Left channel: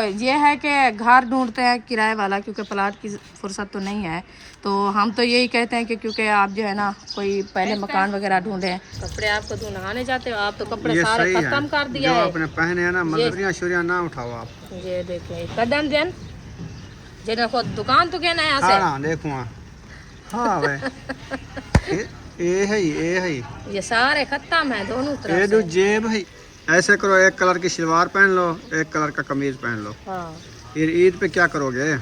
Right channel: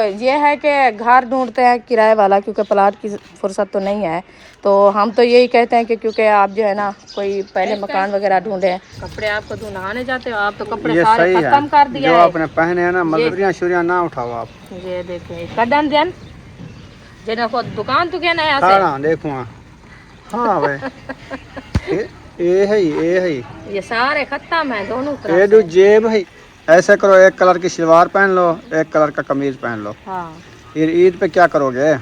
ये है कि घर ढूंढते हैं किराए वाला, क्योंकि प्लाट की फुर्सत तो नहीं है। तो हम तो यही कहते हैं कि क्योंकि आप जो है ना कोई पहले मकान वगैरह ढूंढे। कपड़े आपको तो नहाने जाते हो, आप तो कपड़े ये सारे सही खत्म कर है दिया जो है। आपने पहने हैं ना, मजदूरियाँ शुरियाँ ना उठाओ आप। ये देखिए कदन जन जन को दुकान तो कहना है खाना देखो। हाँ भाई ये है ये सारे खत्म है दोनों ये तरफ जो से। जेब है। ऐसे करो, एक कलर की शलवार पहन लो, एक कलर का कमीज पहन लो। हाँ। फिर ईद पे क्या करोगे?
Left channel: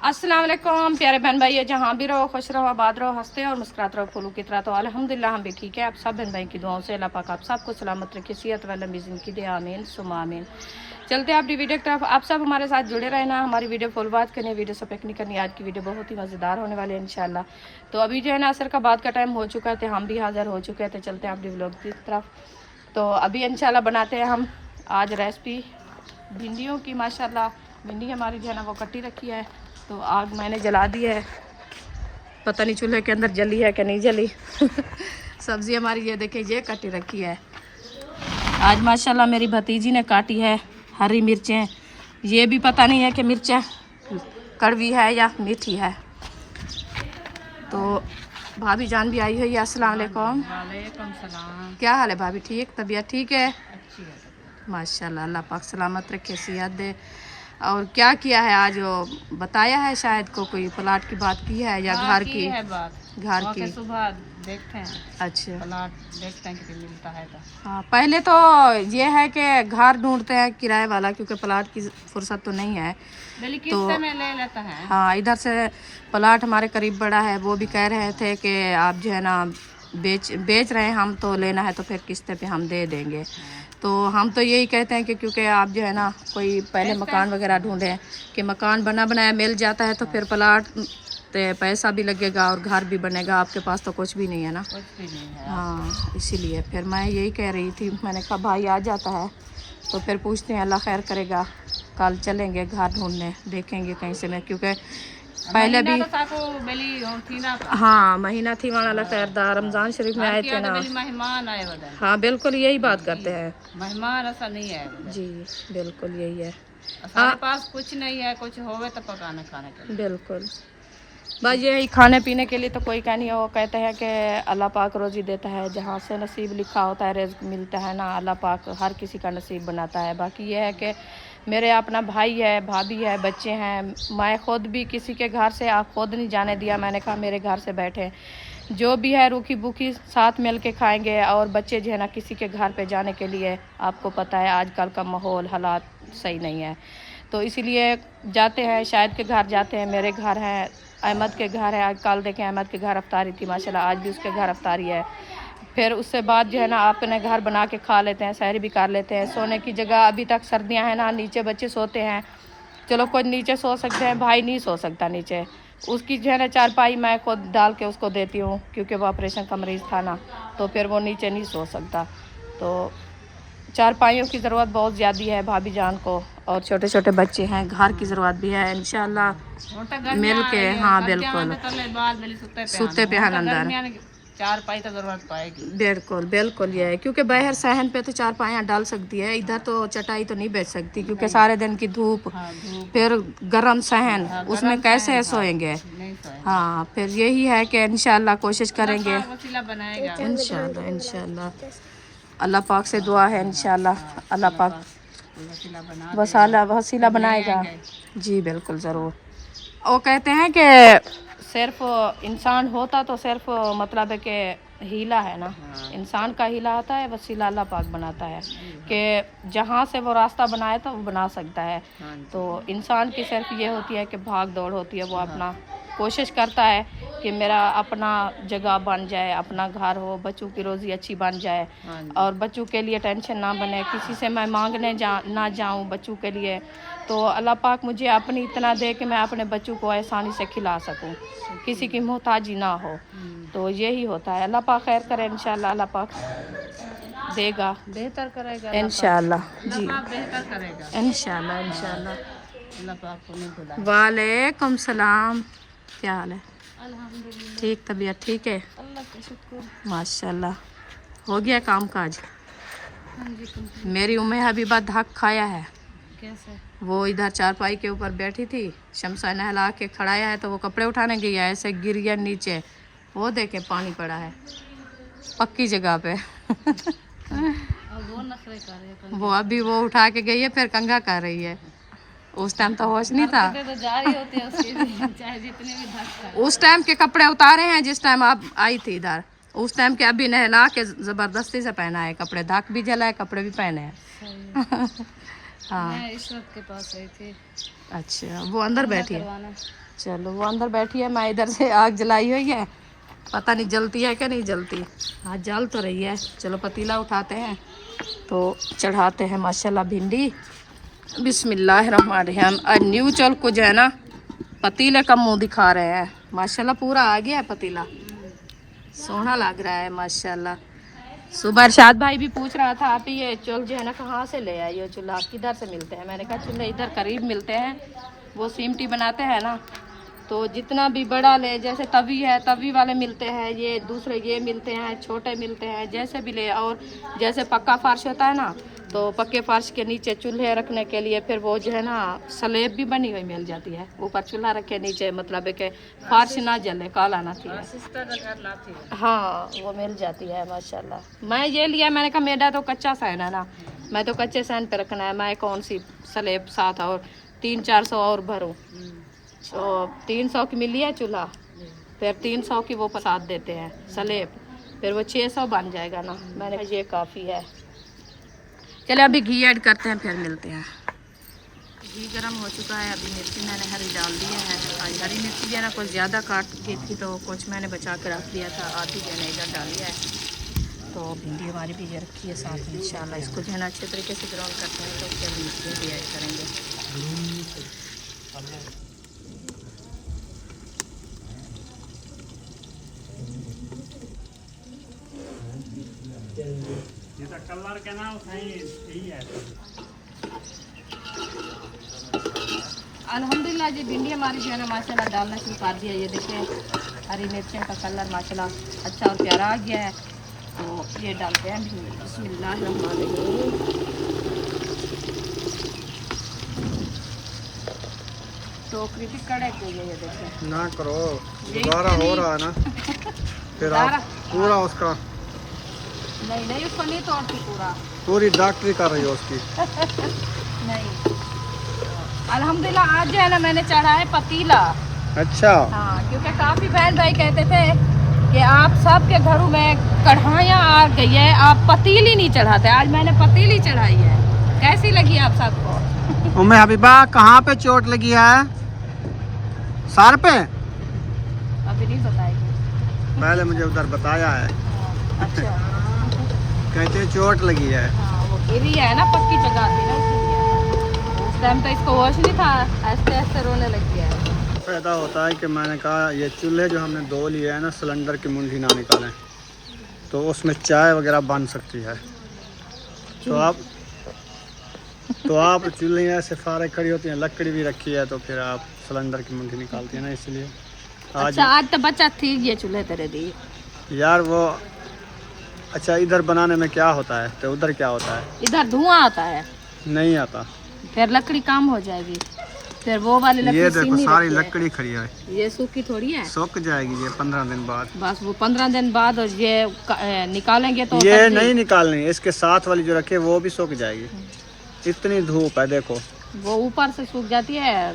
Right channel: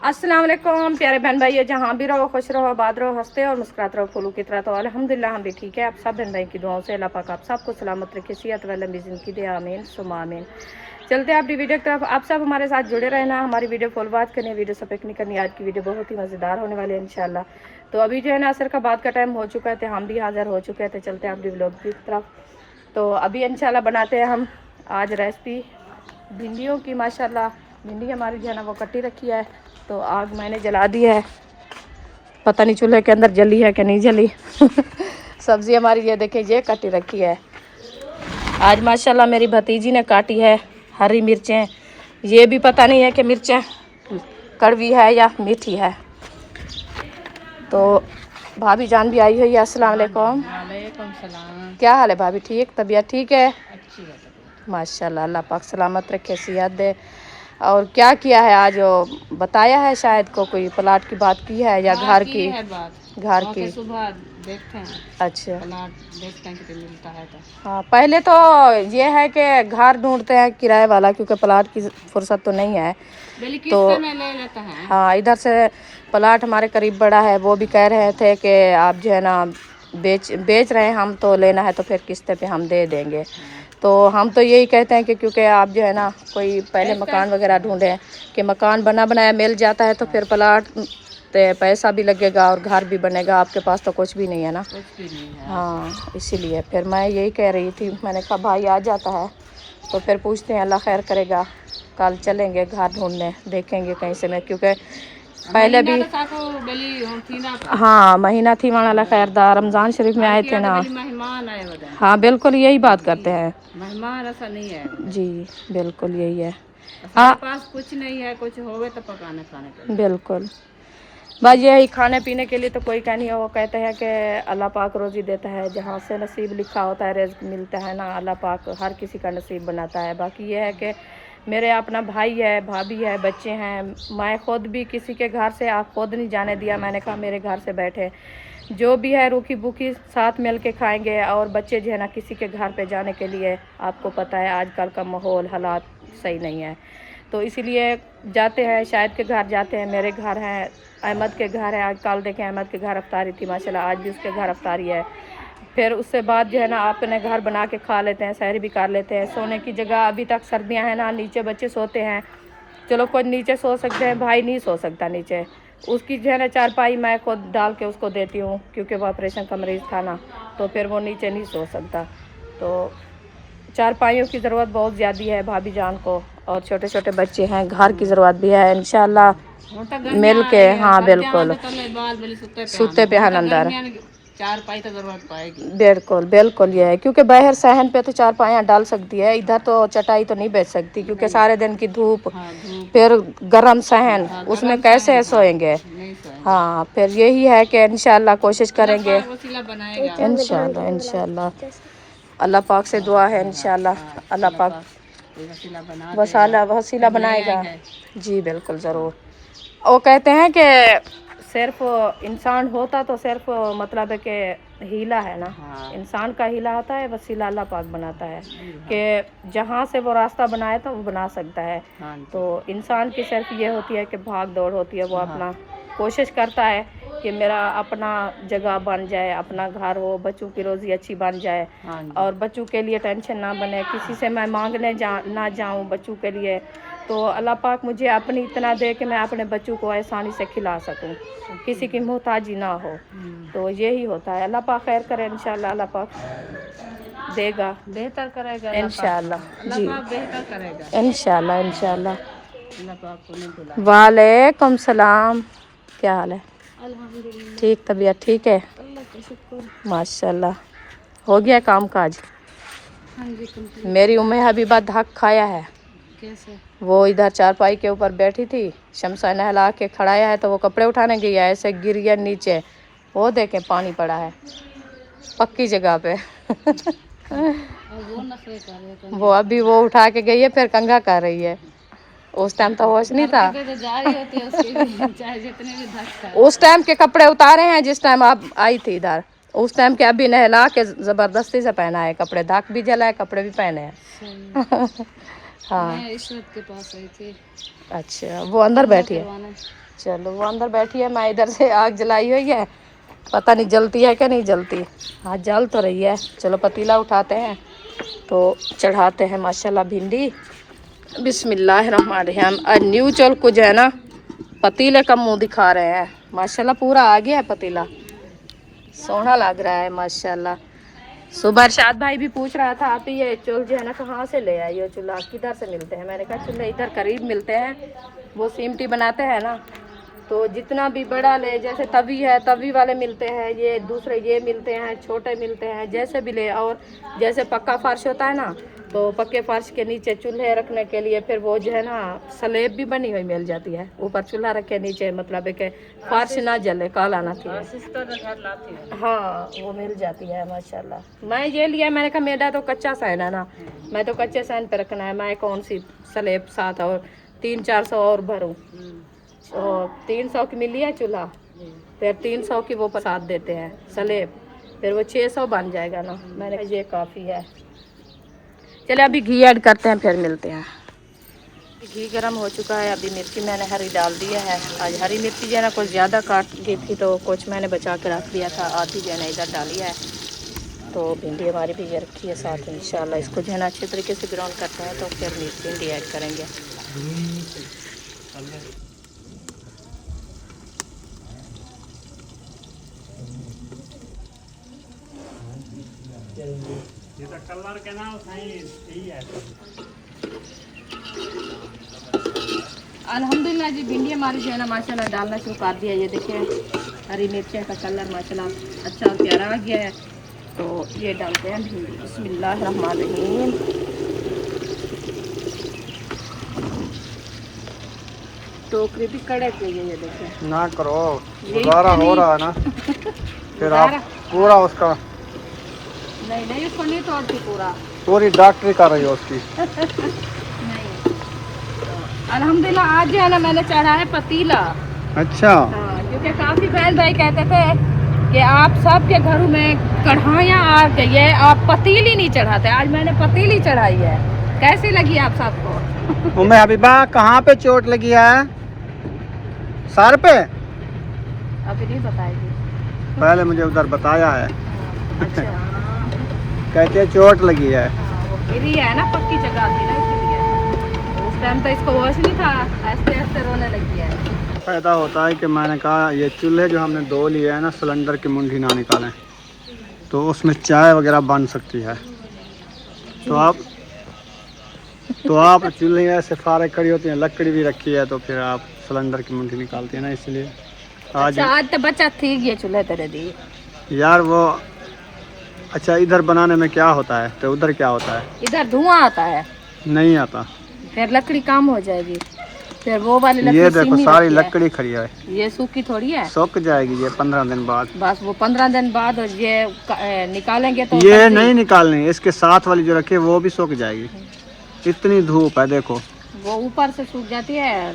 अस्सलाम वालेकुम प्यारे बहन भाई, जहाँ भी रहो खुश रहो, आबाद रहो, हंसते और मुस्कुराते रहो फूलों की तरह। तो अल्हम्दुलिल्लाह हम भी ठीक है। आप सब बहन भाई की दुआओं से अल्लाह पाक आप सबको सलामत रखे, सेहत व लंबी ज़िंदगी दे, आमीन सुम्मा आमीन। चलते हैं अपनी वीडियो की तरफ। आप सब हमारे साथ जुड़े रहना, हमारी वीडियो फुल बात करनी, वीडियो सपेक नहीं करनी। आज की वीडियो बहुत ही मज़ेदार होने वाली है इंशाल्लाह। तो अभी जो है ना असर का बाद का टाइम हो चुका है, तो हम भी हाज़िर हो चुके हैं। तो चलते हैं अपनी व्लॉग की तरफ। तो अभी इंशाल्लाह बनाते हैं हम आज रेसिपी भिंडियों की। माशाल्लाह भिंडी हमारी जो है ना वो कटी रखी है, तो आग मैंने जला दी है। पता नहीं चूल्हे के अंदर जली है कि नहीं जली। सब्ज़ी हमारी ये देखिए ये कटी रखी है। आज माशाल्लाह मेरी भतीजी ने काटी है हरी मिर्चें। ये भी पता नहीं है कि मिर्चें कड़वी है या मीठी है। तो भाभी जान भी आई हुई है। अस्सलाम वालेकुम। वालेकुम सलाम। क्या हाल है भाभी? ठीक, तबीयत ठीक है? अच्छी है तबीयत। माशाल्लाह, अल्लाह पाक सलामत रखे, सेहत दे। और क्या किया है आज? बताया है शायद को कोई प्लाट की बात की है या घर की? है बात घर की। सुबह देखते हैं, अच्छा प्लाट देखते हैं कि मिलता है तो। हाँ, पहले तो ये है कि घर ढूंढते हैं किराए वाला, क्योंकि प्लाट की फुर्सत तो नहीं है। तो में ले लेता है। हाँ, इधर से प्लाट हमारे करीब बड़ा है। वो भी कह रहे थे कि आप जो है ना बेच रहे हैं हम, तो लेना है तो फिर किस्ते पे हम दे देंगे। तो हम तो यही कहते हैं कि क्योंकि आप जो है ना कोई पहले मकान वगैरह ढूंढें कि मकान बना बनाया मिल जाता है, तो फिर प्लाट तो पैसा भी लगेगा और घर भी बनेगा। आपके पास तो कुछ भी नहीं है ना। कुछ भी नहीं है। हाँ, इसीलिए फिर मैं यही कह रही थी। मैंने कहा भाई आ जाता है तो फिर पूछते हैं, अल्लाह खैर करेगा। कल चलेंगे घर ढूंढने, देखेंगे कहीं से मैं, क्योंकि पहले भी हाँ महीना थी वहाँ अल्लाह खैरदार रमज़ान शरीफ में आए थे ना। मेहमान आए हुए हैं। हाँ बिल्कुल यही बात करते हैं। मेहमान ऐसा नहीं है जी बिल्कुल यही है। हमारे पास कुछ नहीं है, कुछ होवे तो पकाने खाने के लिए। बिल्कुल बस यही खाने पीने के लिए तो कोई का नहीं है। वो कहते हैं कि अल्लाह पाक रोज़ी देता है, जहाँ से नसीब लिखा होता है रिज़्क़ मिलता है ना। अल्लाह पाक हर किसी का नसीब बनाता है। बाकी ये है कि मेरे अपना भाई है, भाभी है, बच्चे हैं। मैं ख़ुद भी किसी के घर से खुद नहीं जाने दिया। मैंने कहा मेरे घर से बैठे जो भी है रूखी भूखी साथ मिल के खाएँगे। और बच्चे जो है ना किसी के घर पे जाने के लिए, आपको पता है आजकल का माहौल हालात सही नहीं है, तो इसीलिए जाते हैं। शायद के घर जाते हैं, मेरे घर हैं, अहमद के घर है। आज कल देखें अहमद के घर अफ्तारी थी माशाल्लाह, आज भी उसके घर अफ्तारी है। फिर उससे बाद जो है ना अपने घर बना के खा लेते हैं, सहरी भी कर लेते हैं। सोने की जगह अभी तक सर्दियां हैं ना, नीचे बच्चे सोते हैं। चलो कोई नीचे सो सकते हैं, भाई नहीं सो सकता नीचे। उसकी जो है ना चारपाई मैं खुद डाल के उसको देती हूँ, क्योंकि वो ऑपरेशन का मरीज़ था ना, तो फिर वो नीचे नहीं सो सकता। तो चारपाइयों की ज़रूरत बहुत ज़्यादा है भाभी जान को, और छोटे छोटे बच्चे हैं, घर की ज़रूरत भी है। इंशाल्लाह मिल के। हाँ बिल्कुल, सूते पे हन अंदर चार पाई तो जरूरत पाएगी। बिल्कुल बिल्कुल ये है, क्योंकि बाहर सहन पे तो चार पाइयाँ डाल सकती है, इधर तो चटाई तो नहीं बेच सकती, क्योंकि सारे दिन की धूप। फिर गरम सहन उसमें कैसे सोएंगे। हाँ फिर यही है कि इंशाल्लाह कोशिश करेंगे। इंशाल्लाह इंशाल्लाह अल्लाह पाक से दुआ है, इंशाल्लाह अल्लाह पाक वसीला बनाएगा। जी बिल्कुल ज़रूर। वो कहते हैं कि सिर्फ इंसान होता तो सिर्फ मतलब है कि हीला है ना। इंसान का हीला होता है, वसीला अल्लाह पाक बनाता है कि जहाँ से वो रास्ता बनाया था वो बना सकता है। तो इंसान की सिर्फ ये होती है कि भाग दौड़ होती है। वो अपना कोशिश करता है कि मेरा अपना जगह बन जाए, अपना घर हो, बच्चों की रोज़ी अच्छी बन जाए, और बच्चों के लिए टेंशन ना बने, किसी से मैं मांगने ना जाऊं बच्चों के लिए। तो अल्लाह पाक मुझे अपनी इतना दे कि मैं अपने बच्चों को आसानी से खिला सकूं, किसी की मोहताजी ना हो। तो यही होता है। अल्लाह पाक खैर करे इंशाल्लाह। अल्लाह पाक देगा बेहतर करेगा इंशाल्लाह अल्लाह जी, पाक बेहतर करेगा। इंशाल्लाह इंशाल्लाह। अल्लाह पाक को नहीं बुला। वालेकुम सलाम, क्या हाल है? अल्हम्दुलिल्लाह, ठीक, तबीयत ठीक है? अल्लाह का शुक्र। माशाल्लाह। हो गया काम काज? हाँ जी, कंप्लीट। मेरी उम्मे हबीबा धक खाया है। कैसे? वो इधर चारपाई के ऊपर बैठी थी, शमसा नहला के खड़ाया है तो वो कपड़े उठाने गई है, ऐसे गिर गया नीचे। वो देखे पानी पड़ा है पक्की जगह पे। अब वो नखरे कर रहे हैं। वो अभी वो उठा के गई है, फिर कंघा कर रही है। उस टाइम तो होश नहीं था। हरकतें तो जारी होती है उसकी भी, चाहे जितने भी धक्का। उस टाइम के कपड़े उतारे हैं जिस टाइम आप आई थी इधर। उस टाइम के अभी नहला के जबरदस्ती से पहना है कपड़े, धाक भी जला है, कपड़े भी पहने हैं। हाँ मैं इशरत के पास आई थी। अच्छा, वो अंदर बैठी है। करवाने। चलो वो अंदर बैठी है, मैं इधर से आग जलाई हुई है, पता नहीं जलती है क्या नहीं जलती। हाँ जल तो रही है। चलो पतीला उठाते हैं तो चढ़ाते हैं माशाल्लाह भिंडी। बिस्मिल्लाहिर्रहमानिर्रहीम। और न्यू चल को जो है ना पतीले का मुंह दिखा रहे हैं। माशाल्लाह पूरा आ गया है पतीला, सोना लग रहा है माशाल्लाह। सुबह अरशाद भाई भी पूछ रहा था आप ये चुल जो है ना कहाँ से ले आए, ये चूल्हा किधर से मिलते हैं? मैंने कहा चूल्हे इधर करीब मिलते हैं, वो सीमटी बनाते हैं ना, तो जितना भी बड़ा ले, जैसे तवी है तवी वाले मिलते हैं, ये दूसरे ये मिलते हैं, छोटे मिलते हैं, जैसे भी ले। और जैसे पक्का फर्श होता है ना, तो पक्के फर्श के नीचे चूल्हे रखने के लिए फिर वो जो है ना स्लेब भी बनी हुई मिल जाती है, ऊपर चूल्हा रखे नीचे, मतलब है कि फर्श ना जले, काला ना थी। हाँ वो मिल जाती है माशाल्लाह। मैं ये लिया, मैंने कहा मेरा तो कच्चा सैन है ना, मैं तो कच्चे सैन पे रखना है, मैं कौन सी स्लेब साथ और 300-400 और भरूँ। तो 300 की मिली है चूल्हा, फिर 300 की वो प्रसाद देते हैं स्लेब, फिर वो 600 बन जाएगा ना। मैंने कहा ये काफ़ी है। चलिए अभी घी ऐड करते हैं, फिर मिलते हैं। घी गरम हो चुका है, अभी मिर्ची मैंने हरी डाल दी है। आज हरी मिर्ची जो है ना कुछ ज़्यादा काट गई थी तो कुछ मैंने बचा के रख दिया था, आधी जो है ना इधर डाली है। तो भिंडी हमारी भी ये रखी है साथ, इंशाल्लाह इसको जो है ना अच्छे तरीके से ग्राउंड करते हैं तो फिर भिंडी ऐड करेंगे। कलर के नाम सही है। अल्हम्दुलिल्लाह जी भिंडी हमारी जो है ना माशाल्लाह डालना शुरू कर दिया। ये देखिए हरी मिर्चियाँ का कलर माशाल्लाह अच्छा और प्यारा आ गया है, तो ये डालते हैं भिंडी। बिस्मिल्लाहिर्रहमानिर्रहीम। टोकरी भी कड़े पे ये देखिए ना करो, यही दोबारा तो हो नहीं। रहा है ना, फिर आप पूरा उसका नहीं उसको नहीं तोड़ती पूरा। पूरी डॉक्टरी कर रही हो उसकी। नहीं अल्हम्दुलिल्लाह आज जो है ना मैंने चढ़ा है पतीला। अच्छा, हाँ क्योंकि काफ़ी बहन भाई कहते थे कि आप सबके घरों में कढ़ाइयाँ आ गई है, आप पतीली नहीं चढ़ाते। आज मैंने पतीली चढ़ाई है। कैसी लगी आप सबको? उम्मे हबीबा कहाँ पे चोट लगी है? सर पे? अभी नहीं बताएगी। पहले मुझे उधर बताया है, अच्छा कहते हैं चोट लगी है। हाँ, वो गिरी है ना, पक्की जगह थी ना इसीलिए। तो उस टाइम तो इसको होश नहीं था, ऐसे ऐसे रोने लगी है। फायदा होता है कि मैंने कहा ये चूल्हे जो हमने दो लिए है ना, सिलेंडर की मुंडी ना निकालें, तो उसमें चाय वगैरह बन सकती है। तो आप चूल्हे ऐसे फारग खड़ी होती हैं, लकड़ी भी रखी है, तो फिर आप सिलेंडर की मुंडी निकालती हैं ना, इसलिए आज। अच्छा आज तो बच्चा थी ये चूल्हे तेरे दी यार वो अच्छा, इधर बनाने में क्या होता है तो उधर क्या होता है? इधर धुआं आता है, नहीं आता। फिर लकड़ी काम हो जाएगी, फिर वो वाली लकड़ी ये देखो सीमी सारी रहती है। लकड़ी खड़ी है, ये सूखी थोड़ी है, सूख जाएगी ये 15 दिन बाद। बस वो 15 दिन बाद और ये निकालेंगे तो ये सब्जी- नहीं निकालनी, इसके साथ वाली जो रखी है वो भी सूख जाएगी। इतनी धूप है देखो। वो ऊपर से सूख जाती है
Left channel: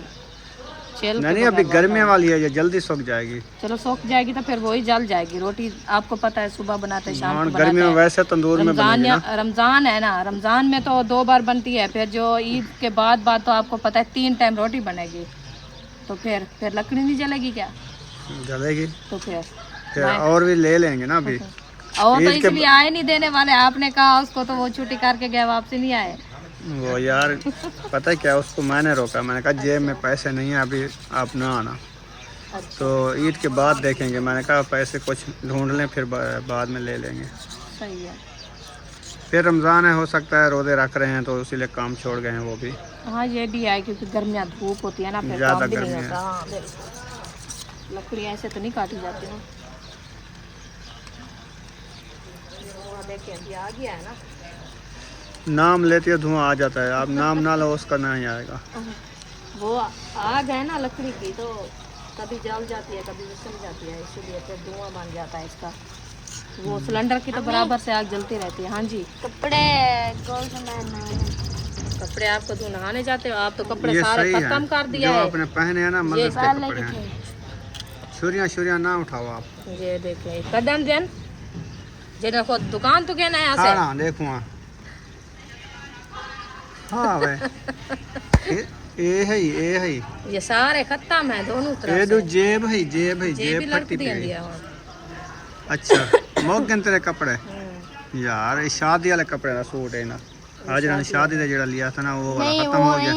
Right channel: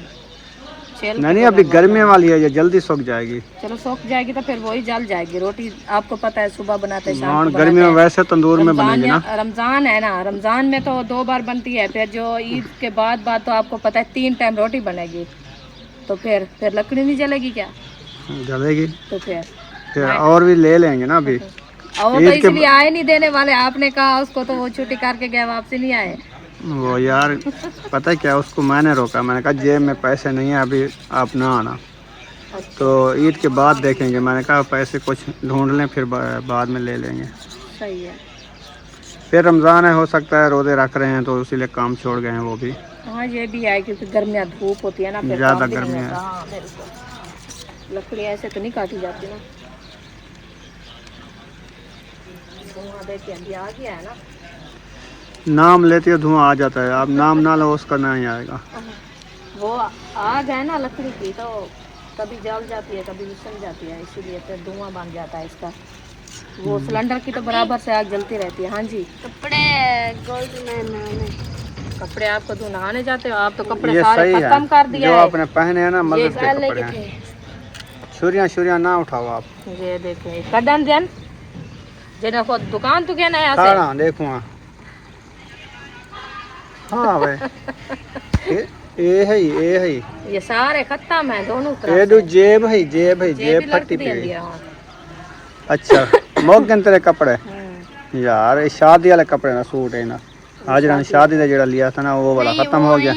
छेल के नहीं अभी बगैर गर्मी होता है। वाली है, ये जल्दी सूख जाएगी। चलो सूख जाएगी तो फिर वही जल जाएगी। रोटी आपको पता है सुबह बनाते हैं, शाम हाँ, को गर्मी बनाते में हैं। वैसे तंदूर में बनेगी ना। रमजान है ना, रमजान में तो 2 बार बनती है, फिर जो ईद के बाद तो आपको पता है 3 टाइम रोटी बनेगी, तो फिर लकड़ी नहीं जलेगी क्या? जलेगी। तो फिर और भी ले लेंगे ना अभी। और तो इसलिए आए नहीं देने वाले, आपने कहा उसको तो वो छुट्टी करके गए, वापसी नहीं आए। वो यार पता है क्या, उसको मैंने रोका, मैंने कहा जेब में पैसे नहीं है अभी, आप ना आना, तो ईद के बाद देखेंगे। मैंने कहा पैसे कुछ ढूंढ लें, फिर बाद में ले लेंगे। सही है। फिर रमज़ान है, हो सकता है रोज़े रख रहे हैं तो इसीलिए काम छोड़ गए हैं वो भी। हाँ ये भी है क्योंकि गर्मियाँ धूप होती है ना, फिर ज़्यादा काम भी नहीं गर्मी होता। है। हाँ बिल्कुल, लकड़ी ऐसे तो नहीं काटी जाती ना। धुआं देखिए अभी आ गया है ना। नाम लेती है धुआं आ जाता है, आप नाम ना लो उसका नहीं आएगा। वो आग है ना लकड़ी की, तो कभी जल जाती है कभी विसल जाती है, इसीलिए फिर धुआं बन जाता है इसका। वो सिलेंडर की तो बराबर से आग जलती रहती है। हाँ जी। कपड़े कपड़े आपको तो नहाने जाते हो आप, तो कपड़े ये सारे सही है, खत्म कर दिया जो है। आपने पहने हैं ना ये मदद के पहले कपड़े के हैं। थे। सूर्या ना उठाओ आप। ये देखिए कदन जन जे देखो दुकान तो क्या नया से खाना देखो हाँ भाई ये है ये सारे खत्म है दोनों ये तरफ दो जेब है, जेब है, से। जेब भी फटी लग पी दिया। अच्छा मोगन तेरे कपड़े यार, ये शादी वाले कपड़े ना सूट है ना, आज रानी शादी का जेड़ा लिया था ना वो वाला खत्म हो गया।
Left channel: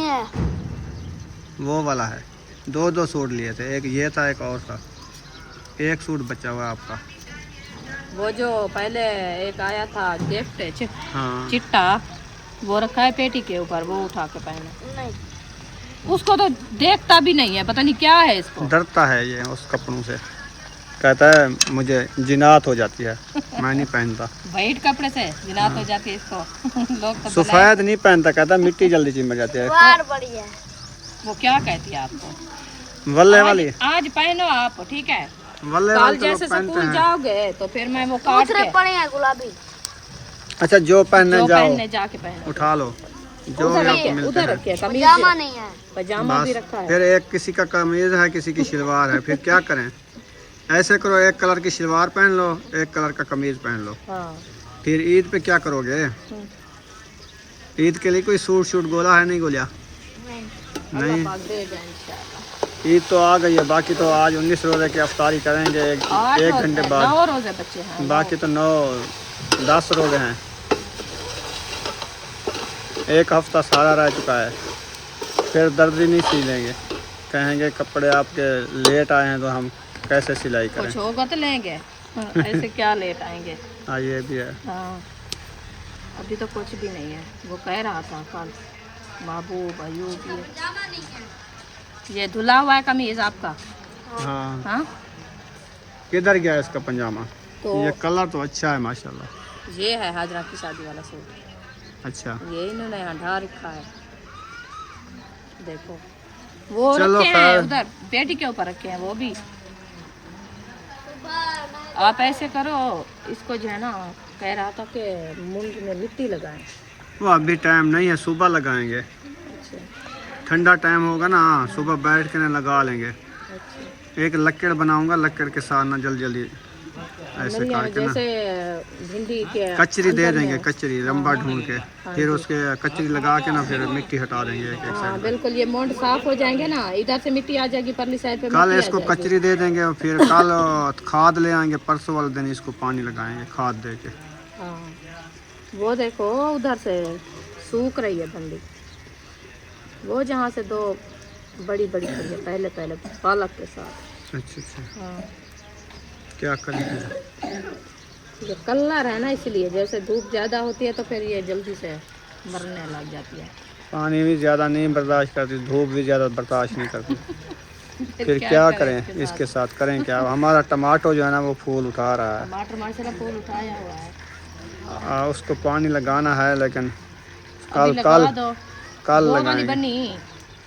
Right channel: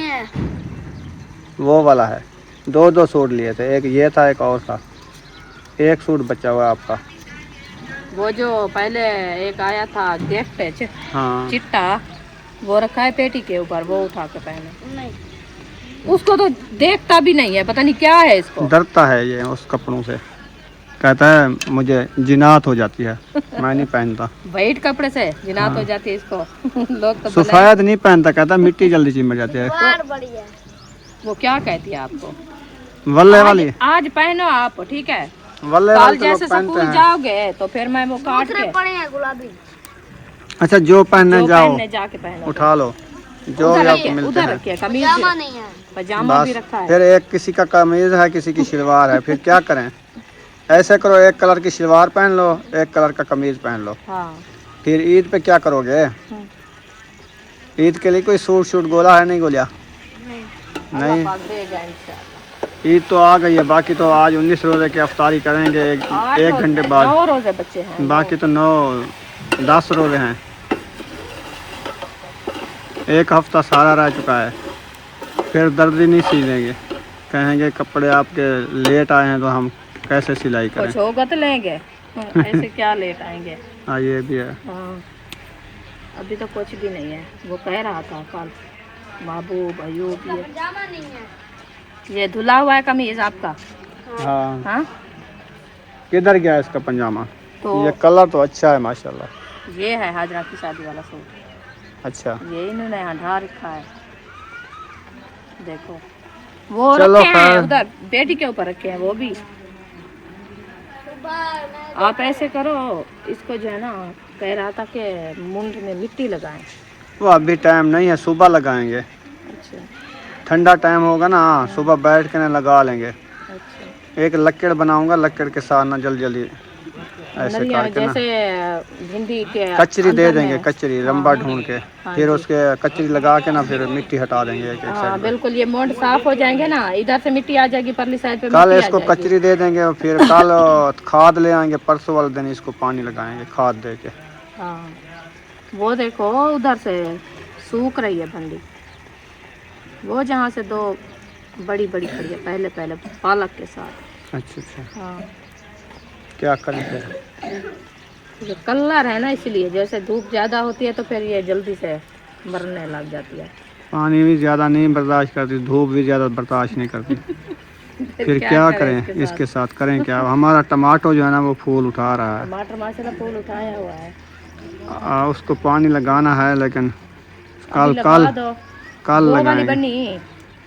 वो वाला है, दो सूट लिए थे, एक ये था एक और था, एक सूट बचा हुआ है आपका। वो जो पहले एक आया था गिफ्ट हाँ चिट्टा, वो रखा है पेटी के ऊपर, वो उठा के पहने। उसको तो देखता भी नहीं है, पता नहीं क्या है इसको। डरता है ये उस कपड़ों से, कहता है मुझे जिनात हो जाती है, मैं नहीं पहनता। वाइट कपड़े से जिनात हो जाती है इसको। लोग तो सफेद नहीं पहनता, कहता मिट्टी जल्दी चिम जाती है। वो क्या कहती है आपको, वल्ले वाली, आज पहनो आप, ठीक है। वल्ले कल वाले तो जैसे लोग पहनते स्कूल हैं। जाओगे तो फिर मैं वो काट के गुलाबी अच्छा जो पहनने जो जाओ पहनने जाके पहनो। उठा लो जो भी आपको मिलते हैं। पजामा नहीं है। पजामा भी बस रखा है। फिर एक किसी का कमीज है, किसी की शलवार है, फिर क्या करें? ऐसे करो, एक कलर की शलवार पहन लो, एक कलर का कमीज पहन लो। हाँ। फिर ईद पे क्या करोगे? ईद के लिए कोई सूट शूट गोला है नहीं गोलिया? नहीं, देगा इंशाल्लाह। ईद तो आ गई है, बाकी तो आज 19 रोजे की अफ्तारी करेंगे एक घंटे बाद, 9 रोजे बच्चे हैं। बाकी तो 9-10 रोजे हैं। एक हफ्ता सारा रह चुका है, फिर दर्जी नहीं सी देंगे, कहेंगे कपड़े आपके लेट आए हैं तो हम कैसे सिलाई करें। कुछ होगा तो लेंगे। हाँ, ऐसे क्या लेट आएंगे। हाँ ये भी है। हाँ अभी तो कुछ भी नहीं है। वो कह रहा था कल महबूब अयूब, पजामा नहीं है। ये धुला हुआ है कमीज आपका। हाँ हाँ किधर गया इसका पजामा? तो ये कलर तो अच्छा है माशाल्लाह। ये है हाजरा की शादी वाला सूट, अच्छा ये इन्होंने हटा रखा है। देखो वो चलो रखे हैं हाँ। उधर बेटी के ऊपर रखे हैं वो भी। आप ऐसे करो, इसको जो है ना कह रहा था कि मुंड में मिट्टी लगाएं। वो अभी टाइम नहीं है, सुबह लगाएंगे, ठंडा टाइम होगा ना, सुबह बैठ के ना लगा लेंगे। एक लकड़ बनाऊंगा, लकड़ के साथ ना जल्दी जल्दी ऐसे नहीं, करके ना जैसे भिंडी के कचरी दे अंदर देंगे, में। कचरी लंबा ढूंढ के, फिर उसके कचरी लगा के ना फिर मिट्टी हटा देंगे एक एक हाँ साइड पे। बिल्कुल, ये मोड़ साफ हो जाएंगे ना, इधर से मिट्टी आ जाएगी, परली साइड पे कल मिट्टी इसको आ जाएगी। कचरी दे देंगे और फिर कल खाद ले आएंगे, परसों वाले दिन इसको पानी लगाएंगे खाद दे के। हाँ वो देखो उधर से सूख रही है भिंडी, वो जहाँ से 2 बड़ी बड़ी खड़ी है, पहले पहले पालक के साथ। अच्छा अच्छा, हाँ क्या करें फिर? ये कलर है ना, इसलिए जैसे धूप ज़्यादा होती है तो फिर ये जल्दी से मरने लग जाती है। पानी भी ज़्यादा नहीं बर्दाश्त करती, धूप भी ज़्यादा बर्दाश्त नहीं करती। फिर क्या करें इसके साथ, करें क्या? हमारा टमाटो जो है ना वो फूल उठा रहा है। टमाटर माशाल्लाह फूल उठाया हुआ है, उसको पानी लगाना है, लेकिन अभी कल लगा दो। कल वो वाली लगाएंगे, बनी।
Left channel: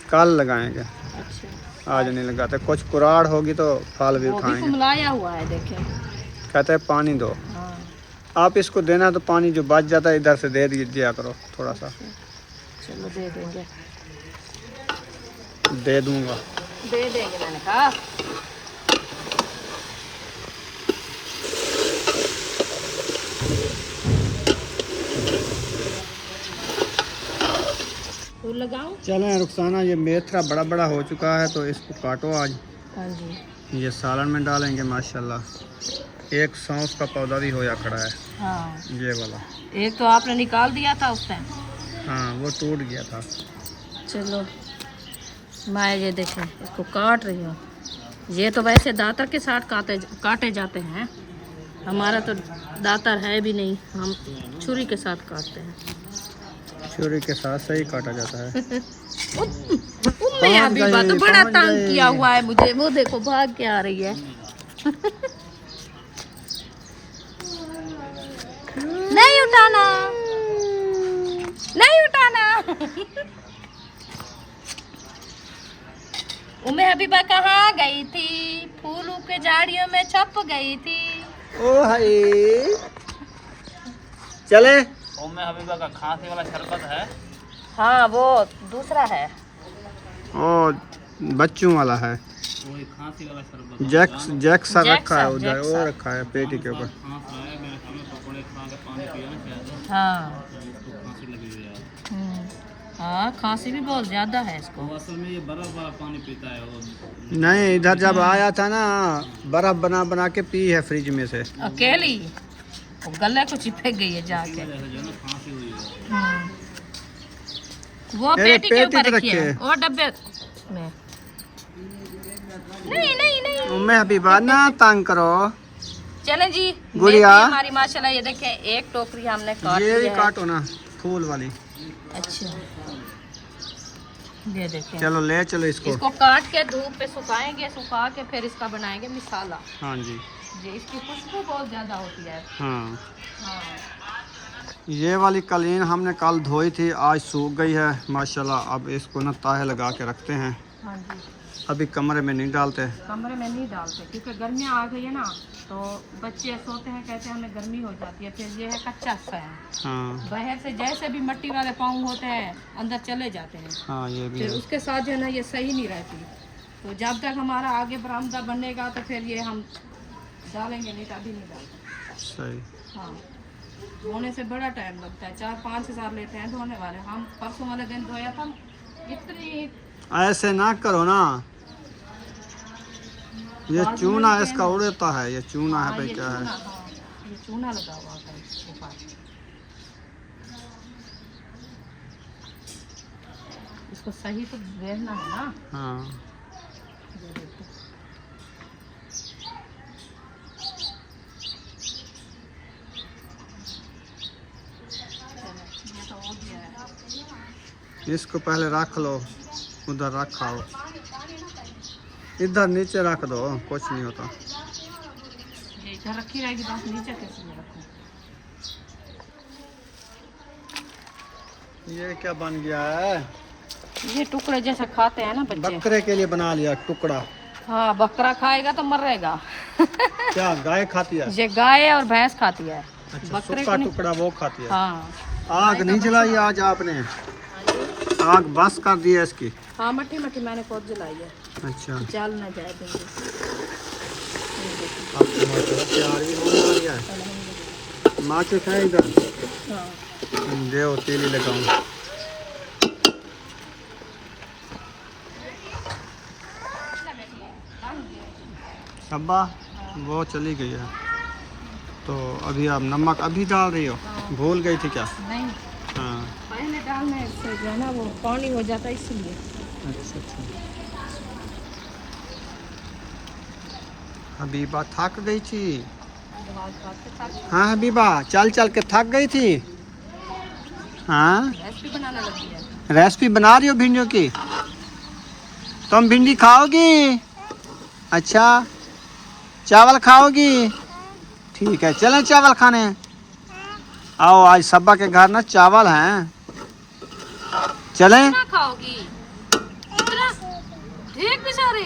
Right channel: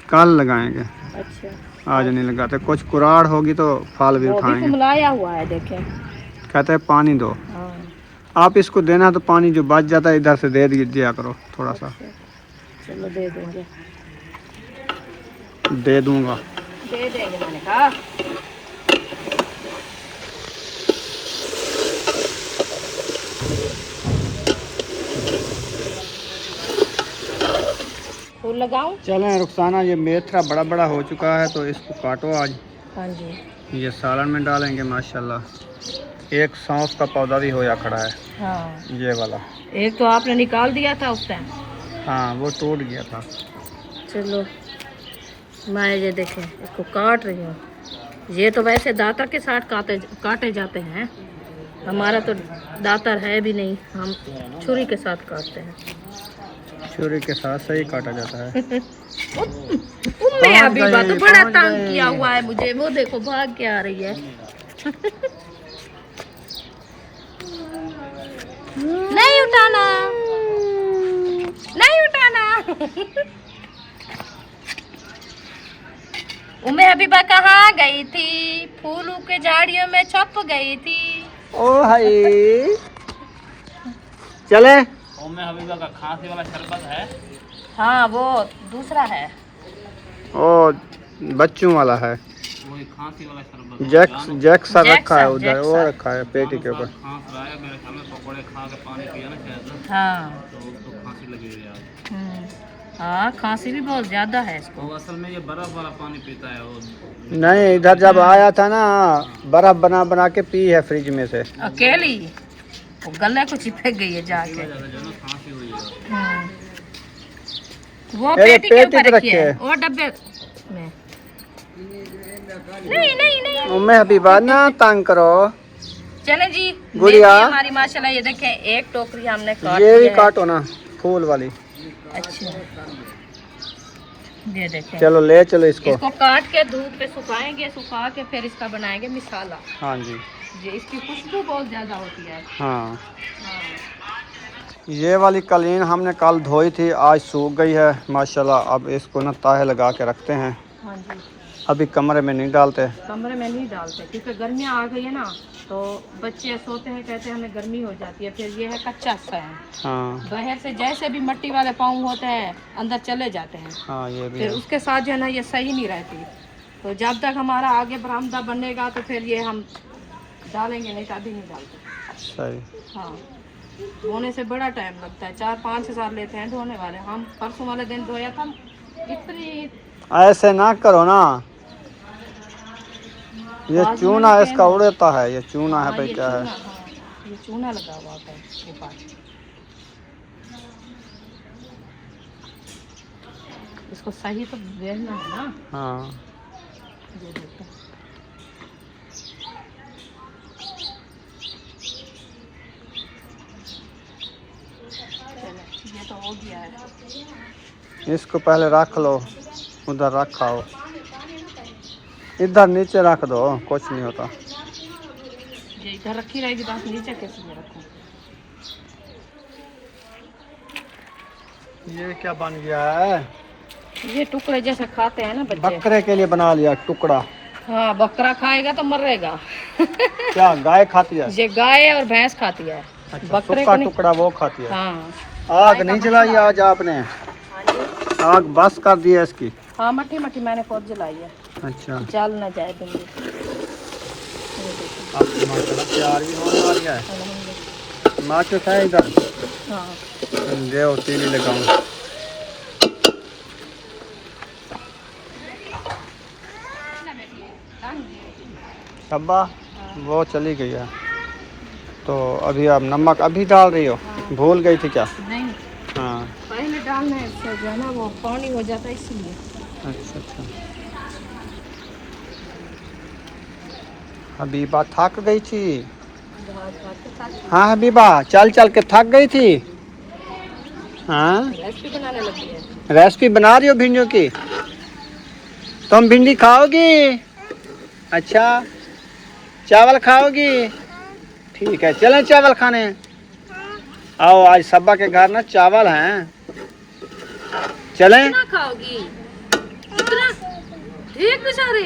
कल लगाएंगे, अच्छा आज नहीं लगाते। कुछ कुराड़ होगी तो फल भी वो भी उठाएंगे। कुमलाया हुआ है देखें। कहते हैं पानी दो, हाँ आप इसको देना तो पानी जो बच जाता है इधर से दे दिया करो थोड़ा सा। चलो दे देंगे, दे दूंगा। दे देंगे मैंने कहा। फूल लगाऊं? चलें रुखसाना, ये मेथरा बड़ा बड़ा हो चुका है तो इसको काटो आज, हाँ जी। ये सालन में डालेंगे। माशाल्लाह एक सौंफ का पौधा भी होया खड़ा है, हाँ ये वाला। एक तो आपने निकाल दिया था उस टाइम। हाँ वो टूट गया था। चलो मैं ये देखें इसको काट रही हूँ। ये तो वैसे दातर के साथ काटे जाते हैं, हमारा तो दातर है भी नहीं, हम छुरी के साथ काटते हैं। छुरी के साथ सही काटा जाता है। उम्मे हबीबा तो बड़ा तंग किया हुआ है मुझे, वो देखो भाग के आ रही है। नहीं उठाना, नहीं उठाना। उम्मे हबीबा कहाँ गई थी? फूलों के झाड़ियों में छप गई थी। ओ हाय, चले। उम्मे हबीबा का खांसी वाला शरबत है। हाँ वो दूसरा है, ओ बच्चों वाला है। वही खांसी वाला शरबत। जैक्सन रखा है जैक्सन, उधर, वो जैक्सन। रखा है पेटी के ऊपर। खांस रहा है मेरे ख्याल में, पकौड़े खा के पानी पिया ना शायद, हाँ तो खांसी लगी हुई है आज। हाँ खांसी भी बहुत ज्यादा है इसको। वो असल में ये बर्फ वाला पानी पीता है वो। नहीं, इधर जब आया था ना, बर्फ बना बना के पी है फ्रिज में से। अकेली वो गले को चिपक गई है जाके। जो है ना खांसी हुई है। वो अरे पेटी के ऊपर पेटी तो रखी है, रखे। और डब्बे में। नहीं नहीं नहीं। उम्मे हबीबा ना तंग करो। चले जी, गुड़िया। मेथी हमारी माशाल्लाह ये देखें, एक टोकरी हमने काट ये ली भी है। काटो ना, फूल वाली। अच्छा ये देखें, चलो ले चलो इसको। इसको काट के धूप पे सुखाएंगे, सुखा के फिर इसका बनाएंगे मसाला। हाँ जी, ये इसकी खुशबू बहुत ज्यादा होती है। हाँ। ये वाली कलीन हमने कल धोई थी, आज सूख गई है माशाल्लाह। अब इसको ना ताहे लगा के रखते हैं, हाँ जी, अभी कमरे में नहीं डालते। कमरे में नहीं डालते क्योंकि गर्मियाँ आ गई है ना, तो बच्चे सोते हैं, कहते हैं हमें गर्मी हो जाती है। फिर ये है कच्चा सा है, हाँ बाहर से जैसे भी मिट्टी वाले पाँव होते हैं अंदर चले जाते हैं, हाँ, ये भी फिर है। उसके साथ जो है ना ये सही नहीं रहती। तो जब तक हमारा आगे बरामदा बनेगा तो फिर ये हम डालेंगे, नहीं तो अभी नहीं डालते। सही। हाँ, धोने से बड़ा टाइम लगता है, 4-5 हज़ार लेते हैं धोने वाले। हम परसों वाले दिन धोया था, इतनी ऐसे ना करो ना, ये बाजू चूना में इसका उड़ता है। ये चूना है हाँ, भाई, ये क्या है? चूना, हाँ, ये चूना लगा हुआ होता है इसके पास। इसको सही तो बेचना है ना। हाँ, ये देखो, चलो ये तो हो गया है। इसको पहले रख लो, उधर रखाओ, इधर नीचे रख दो, कुछ नहीं होता। ये इधर रखी रहेगी, बस नीचे कैसे में रखूं? ये क्या बन गया है? ये टुकड़े जैसे खाते हैं ना बच्चे। बकरे के लिए बना लिया टुकड़ा। हाँ, बकरा खाएगा तो मरेगा। क्या गाय खाती है? ये गाय और भैंस खाती है, अच्छा, बकरे सूखा को नहीं। टुकड़ा वो खाती है। हाँ आग नहीं जलाई आज आपने? आग बस कर दी है इसकी? हाँ, मट्टी मट्टी मैंने खुद जलाई है, अच्छा, जल न जाए तो। अब तो माशाल्लाह तैयार भी होने वाली है। माचिस है इधर? हाँ देव तीली लगाऊं। सब्बा वो चली गई है, तो अभी आप नमक अभी डाल रही हो? भूल गई थी क्या? नहीं, हाँ, पहले डालना है इससे, जो है ना वो पानी हो जाता है इसलिए। अच्छा अच्छा। हबीबा थक गई थी। हाँ हबीबा, चल चल के थक गई थी। हाँ, रेसिपी बनाने लगी है। रेसिपी बना रही हो भिंडियों की? तुम भिंडी खाओगी? अच्छा, चावल खाओगी? ठीक है, चलें चावल खाने। आओ, आज सब्बा के घर ना चावल हैं, चलें? कितना खाओगी? कितना? ढेर सारे।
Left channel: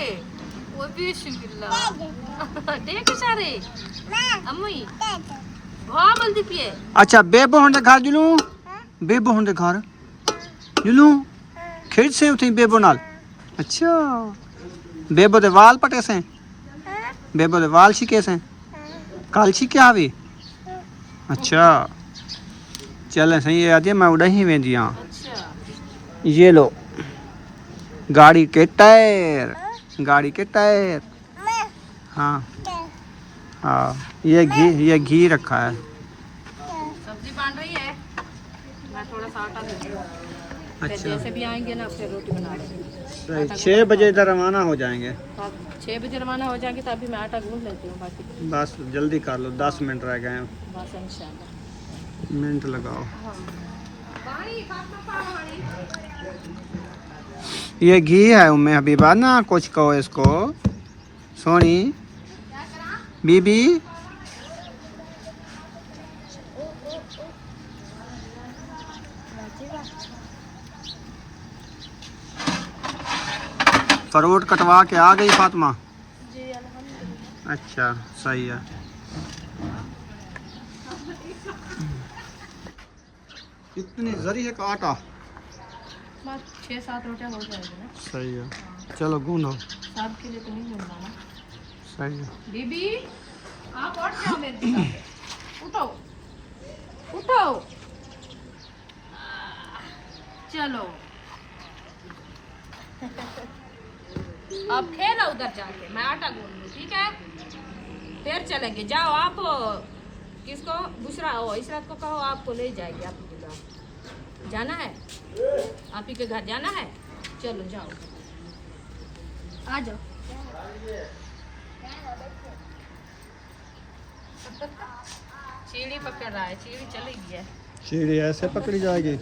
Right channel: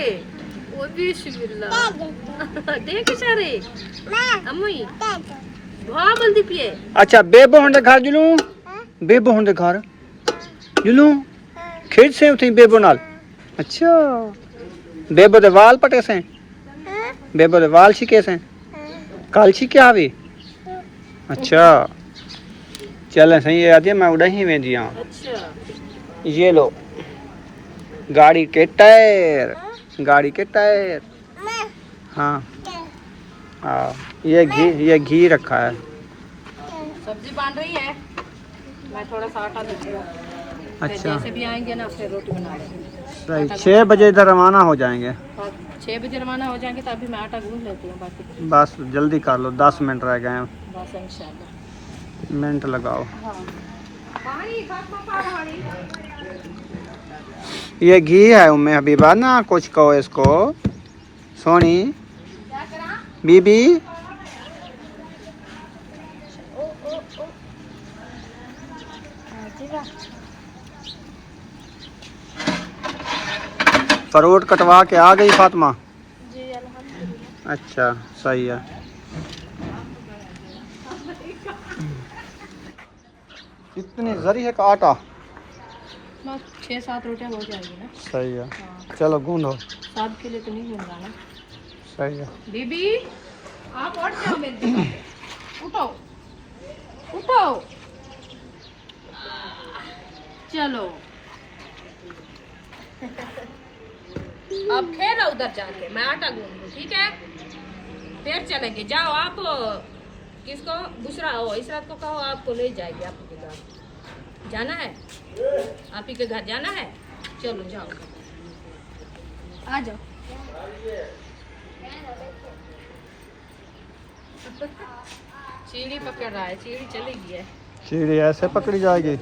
वो भी बिस्मिल्लाह। ढेर सारे। अम्मी, बहुत जल्दी पिए। अच्छा, बेबो होंडे घर जुलू? बेबो होंडे घर जुलू? खेत से उठी बेबो नाल? अच्छा, बेबो दे वाल पटे से? बेबो दे वाल छिके से? काल छिके आवी? अच्छा, चले सही है। आज मैं उड़ा ही वेंदी हां। अच्छा, ये लो, गाड़ी के टायर, गाड़ी के टायर। हाँ हाँ, ये घी रखा है। सब्जी बन रही है, मैं थोड़ा सा आटा दूंगी। फिर अच्छा। जैसे भी आएंगे ना फिर रोटी बना लेंगे। सही 6 बजे इधर रवाना हो जाएंगे। और 6 बजे रवाना हो जाएंगे तो अभी मैं आटा गूंथ लेती हूँ बाकी बस जल्दी कर लो, 10 मिनट रह गए हैं। बस इंशाल्लाह। मिनट लगाओ। ये घी है उम्मे हबीबा ना, कुछ कहो इसको। सोनी बीबी फ्रूट कटवा के आ गई फातिमा? अच्छा सही है। इतनी जरी है का आटा? बस 6-7 रोटियाँ हो जाएगी ना। सही है। हाँ। चलो गूंदो। सब के लिए तो नहीं गूंदना ना। सही है। बीबी आप उठ जाओ मेरे साथ। उठो उठो चलो अब खेलो उधर जाके, मैं आटा गूंद दूँ ठीक है, फिर चलेंगे। जाओ आप किसको बुशरा हो इसरात को कहो आपको ले जाएगी आपके घर जाना है, आप ही के घर जाना है। चलो जाओ आ जाओ। चीड़ी पकड़ रहा है, चीड़ी चलेगी है। सीढ़ी ऐसे पकड़ी जाएगी?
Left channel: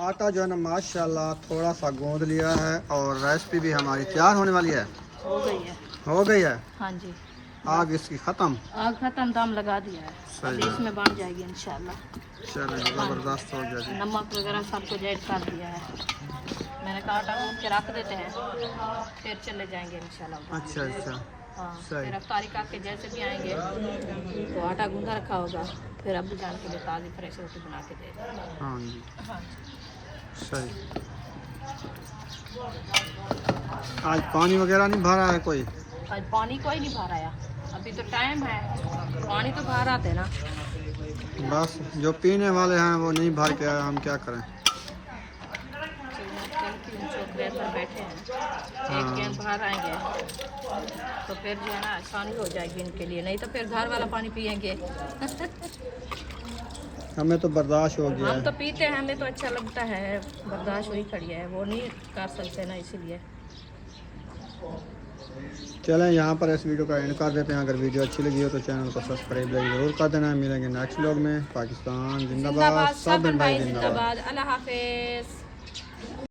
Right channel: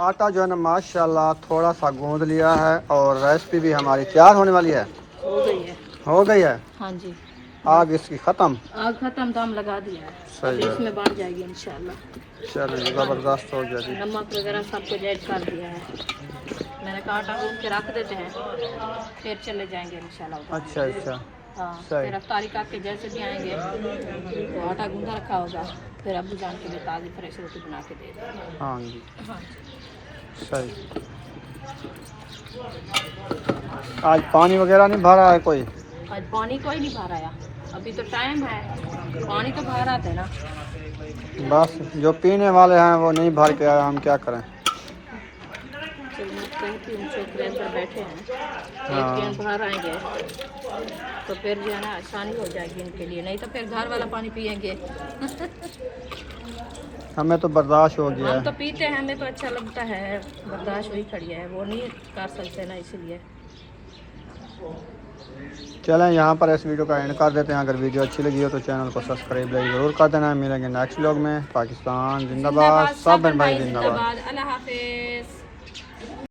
आटा जो है ना माशाल्लाह थोड़ा सा गूंद लिया है और रेसिपी भी हमारी तैयार होने वाली है। हो गई है। हो गई है। हाँ जी आग इसकी ख़त्म। आग खत्म, दाम लगा दिया है। सही अभी है। इसमें बढ़ जाएगी इंशाल्लाह। चलो ज़बरदस्त हो जाएगी। नमक वगैरह सब कुछ ऐड कर दिया है। मैंने कहा आटा गूंद के रख देते हैं फिर चले जाएंगे इंशाल्लाह उधर। अच्छा अच्छा हाँ सही। फिर अफ्तारी काके जैसे भी आएंगे तो आटा गूंदा रखा होगा, फिर अब्बू जान के लिए ताज़ी फ्रेश रोटी बना के दे देंगे। हाँ जी हाँ सही। आज पानी वगैरह नहीं भरा है कोई? आज पानी कोई नहीं भर आया, अभी तो टाइम है, पानी तो भर आते ना। बस जो पीने वाले हैं वो नहीं भर के आए, हम क्या करें। चलो मैं कहती हूँ छोकरे अंदर बैठे हैं, एक हाँ। कैन भर आएंगे तो फिर जो है ना आसानी हो जाएगी इनके लिए, नहीं तो फिर घर वाला पानी पियेंगे। हमें तो बर्दाश्त हो गया हम तो है। पीते हैं, हमें तो अच्छा लगता है, बर्दाश्त वही खड़ी है, वो नहीं कर सकते ना इसीलिए। चलें यहाँ पर इस वीडियो का एंड कर देते हैं। अगर वीडियो अच्छी लगी हो तो चैनल को सब्सक्राइब ज़रूर कर देना। मिलेंगे नेक्स्ट व्लॉग में। पाकिस्तान जिंदाबाद, सब भाई जिंदाबाद। अल्लाह हाफिज़।